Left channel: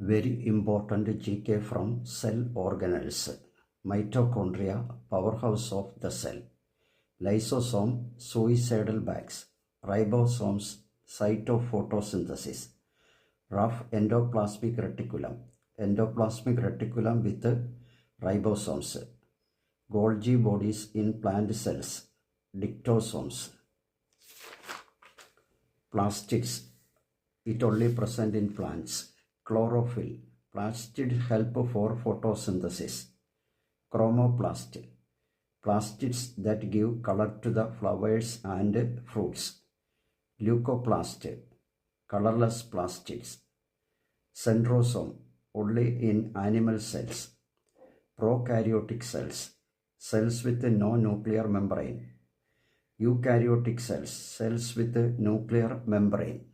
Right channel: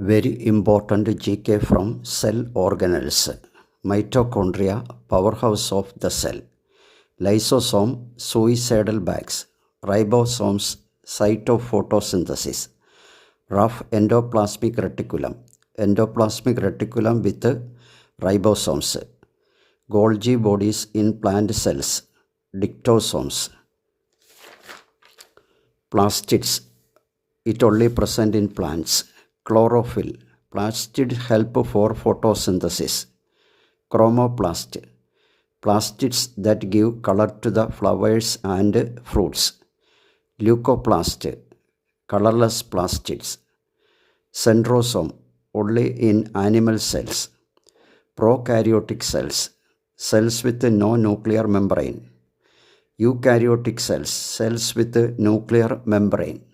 Very important GK from cell organelles. Mitochondria, powerhouse of the cell. Lysosome, suicidal bags. Ribosomes, site of photosynthesis. Rough endoplasmic reticulum. Endoplasmic reticulum with ribosomes. Golgi bodies in plant cells. Dictosomes. Plastids, it only present in plants. Chlorophyll, plastids help for photosynthesis. Chromoplast, plastids that give color to the flowers and fruits. Leucoplast, colorless plastids. Centrosome, only in animal cells. Prokaryotic cells, cells with no nuclear membrane. Eukaryotic cells, cells with nuclear membrane.